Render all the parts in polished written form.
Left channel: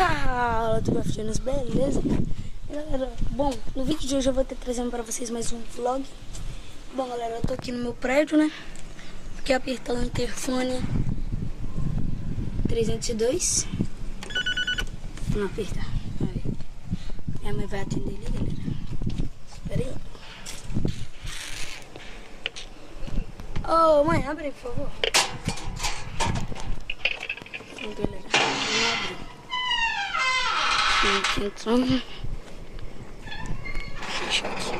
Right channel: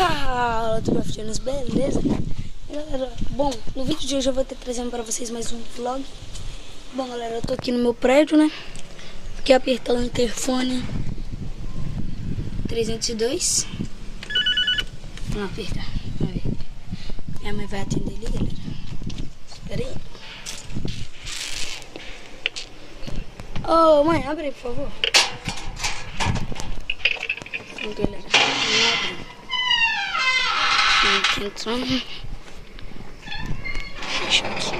Fala, Tubafianos, beleza? Galera, bom, no vídeo de hoje eu vou estar trazendo pra vocês mais um vlog. Bom, galera, eu tô aqui no meu prédio, né? Aqui apertar o interfone 302. Vamos apertar. Aí. Minha mãe vai atender ali, galera. Espera aí. Ô, mãe, abre aí, por favor. Então, galera, não abre. Aqui entrando. Deixa aqui.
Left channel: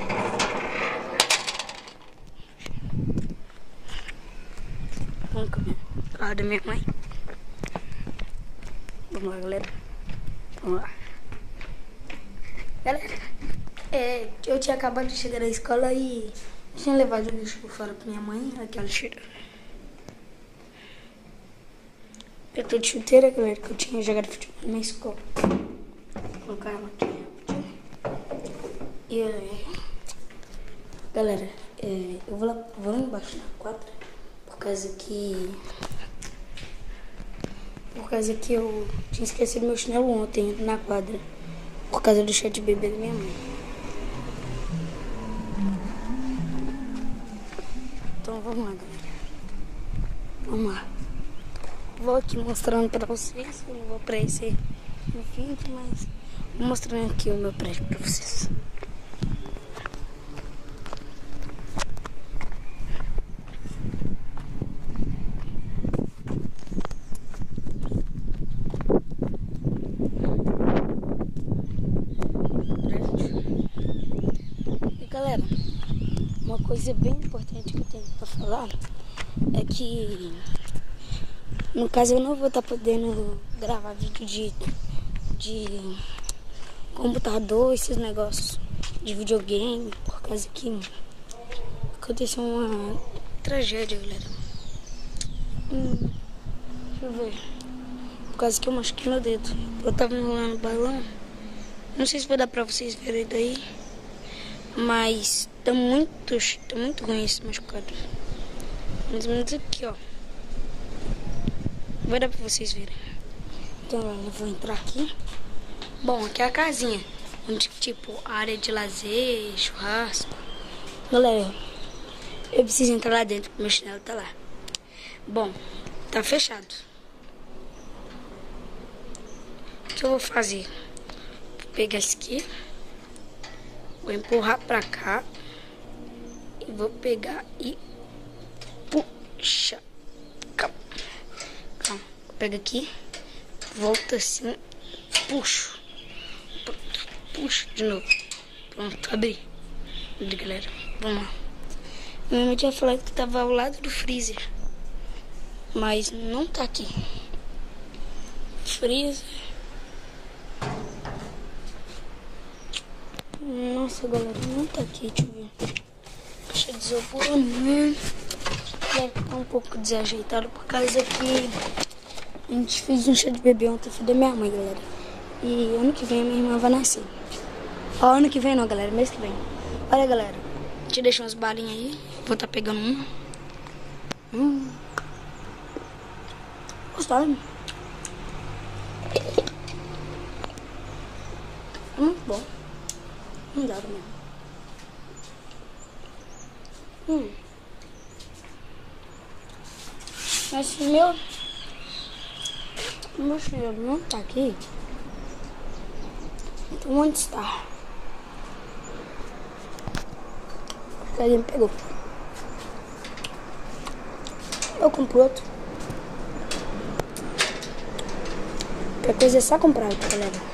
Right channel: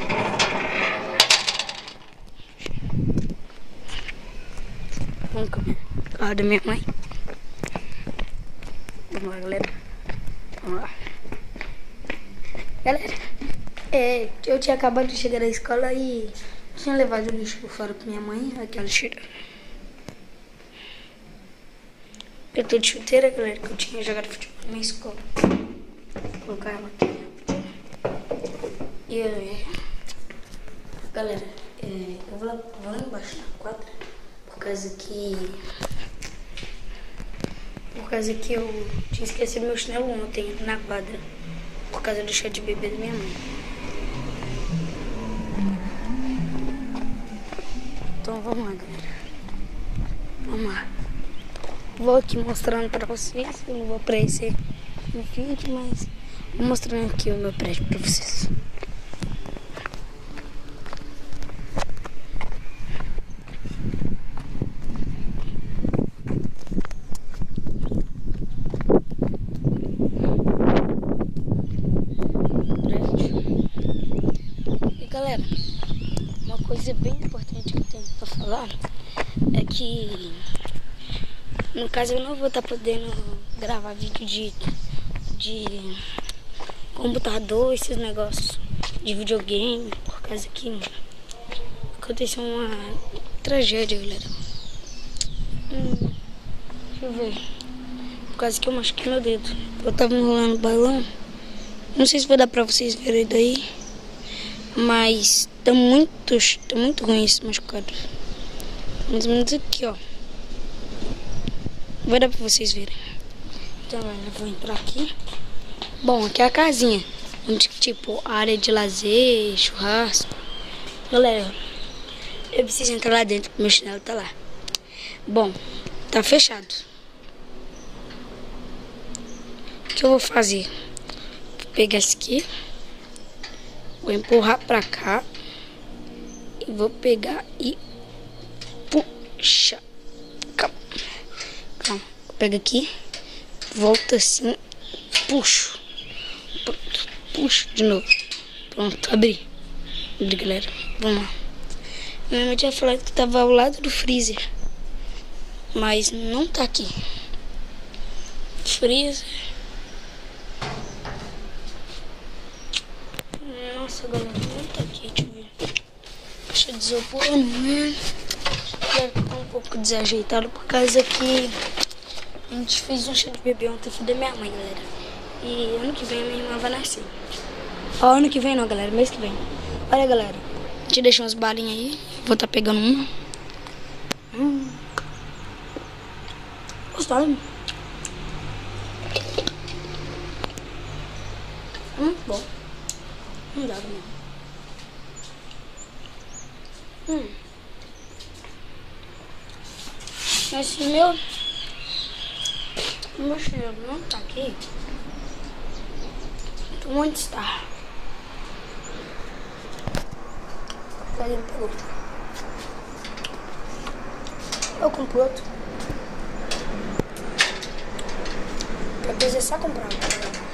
Vamos comer. Carro da minha mãe. Vamos lá, galera. Vamos lá. Galera, eu tinha acabado de chegar da escola e tinha levado o lixo por fora pra minha mãe. Aquela cheira. Eu tô de chuteira, galera, que eu tinha jogado futebol na minha escola. Vou colocar ela aqui. E aí, galera, eu vou lá embaixo na quadra, por causa que eu tinha esquecido meu chinelo ontem na quadra, por causa do chá de bebê da minha mãe. Então vamos lá, galera. Vamos lá. Vou aqui mostrando pra vocês. Eu não vou aparecer no vídeo, mas vou mostrando aqui o meu prédio pra vocês. E galera, uma coisa bem importante que eu tenho pra falar é que, no caso, eu não vou estar podendo gravar vídeo de computador, esses negócios de videogame, por causa que aconteceu uma tragédia, galera. Deixa eu ver. Por causa que eu machuquei meu dedo. Eu tava enrolando o balão. Não sei se vai dar pra vocês verem daí, mas tá muito ruim esse machucado. Mais ou menos aqui, ó. Vai dar pra vocês verem. Então, eu vou entrar aqui. Bom, aqui é a casinha, onde, tipo, a área de lazer, churrasco. Galera, eu preciso entrar lá dentro, porque meu chinelo tá lá. Bom, tá fechado. O que eu vou fazer? Vou pegar esse aqui, vou empurrar pra cá e vou pegar e puxa. Calma. Pega aqui, volta assim, puxo. Pronto, puxo de novo. Pronto, abri. Abri, galera. Vamos lá. Minha mãe tinha falado que tava ao lado do freezer, mas não tá aqui. Freezer. Nossa, galera, não tá aqui. Deixa eu ver. Caixa de isopor, né? Deve estar um pouco desajeitado por causa que a gente fez um chá de bebê ontem, filho da minha mãe, galera. E ano que vem a minha irmã vai nascer. Ó, ano que vem não, galera, mês que vem. Olha, galera, a gente deixou umas balinhas aí. Vou estar pegando uma. Gostaram? Bom. Não dá mesmo. Mas se meu chinelo não tá aqui, então onde está? Alguém pegou. Eu compro outro. Qualquer coisa é só comprar, galera.